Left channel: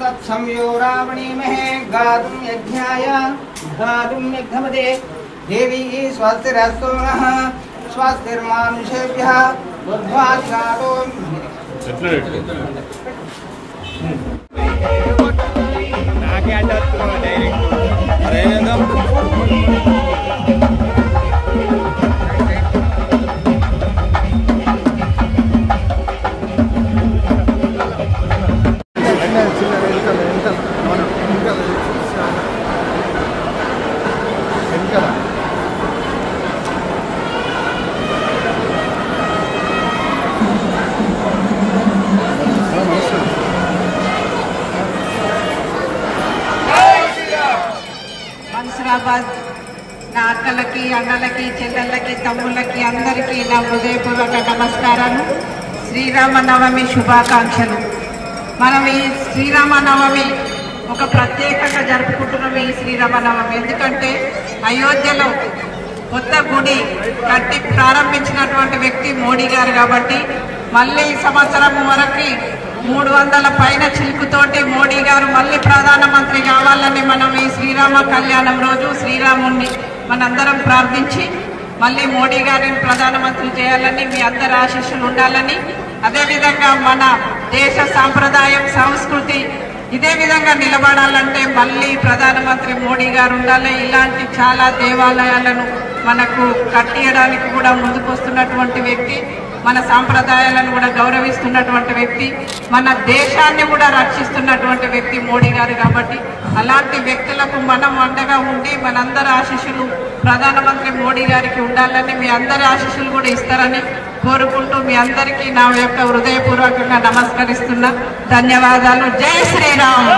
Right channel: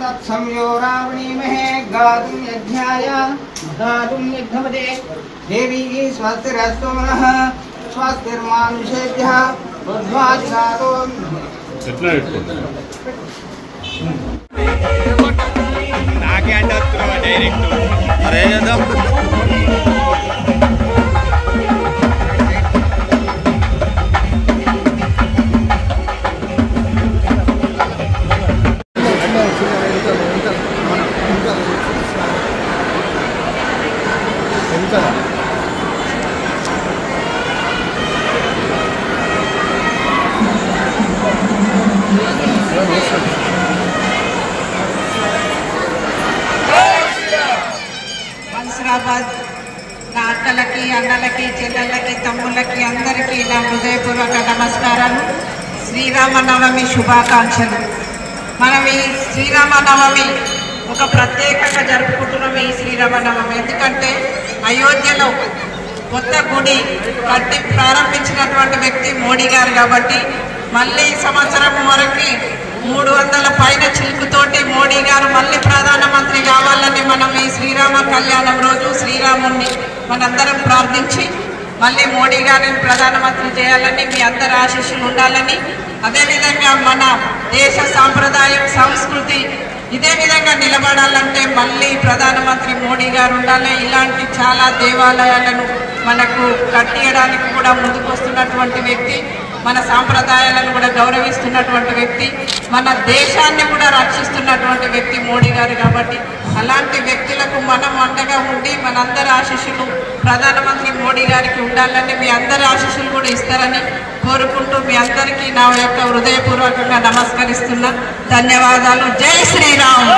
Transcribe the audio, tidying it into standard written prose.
तत्संयो रावणीमहे गातुं यज्ञाय गातुं यज्ञमदे देवी स्वस्तिरस्तु नः स्वस्तिर्मानुषेभ्यः बुद्ध्वादिगातो नाके अड्डొత్తురా డైరెక్ట్ అరే చేద్దాం అక్కలకి అన్నలకి చెల్లెళ్ళకి తమ్ముళ్ళకి అందరికీ నా హృదయపూర్వక నమస్కారాలు. శ్రీరామనవమి శుభాకాంక్షలు. మనం ఈ శ్రీరామనవమి ఒక ప్రత్యేకంగా జరుపుకుంటున్నాం. ఈ శ్రీరామనవమి ఎందుకంటే అయోధ్యలో కొత్త గుడి కట్టి ప్రారంభించినటువంటి వ్యక్తి మోడీ గారు కాబట్టి మళ్ళీ సంవత్సరం వరకు 300 పైన చిలుకుతోటి మోడీ గారు మళ్ళీ ప్రధానమంత్రి కావాలని మనం ఈ శ్రీరామ కళ్యాణం రోజు శ్రీరాముణ్ణి మనందరం ప్రార్థించి మళ్ళీ మోడీ గారిని ప్రధానమంత్రి చేయాలని మీ అందరి ఆశీస్సులు ఉండాలని, అదేవిధంగా మన దేశ సాంప్రదాయం సంస్కృతి ఇదే విధంగా నిలబడాలంటే మళ్ళీ ప్రధానమంత్రి మోడీ గారు ఉండాలి. ఇలాంటి చాలా దేవాలయాలను మనకు కట్టియడానికి కూడా ముందుకొస్తున్నటువంటి వ్యక్తి, మన సాంప్రదాయాలను కూడా గౌరవిస్తున్నటువంటి వ్యక్తి, మన దేశాన్ని కూడా రక్షిస్తున్నటువంటి వ్యక్తి మోడీ గారు కాబట్టి అలాంటి వ్యక్తులకు మనం అండగా ఉండి మనందరి ఆశీస్సులు ప్రధానమంత్రి మోడీ గారికి ఉండాలని, మీ అందరి ఆశీస్సులు కూడా ఇస్తారని కోరుకుంటూ మీ అందరికీ నా యొక్క హృదయపూర్వకంగా నమస్కరిస్తున్నా. ధన్యవాదాలు. జై శ్రీరామ్.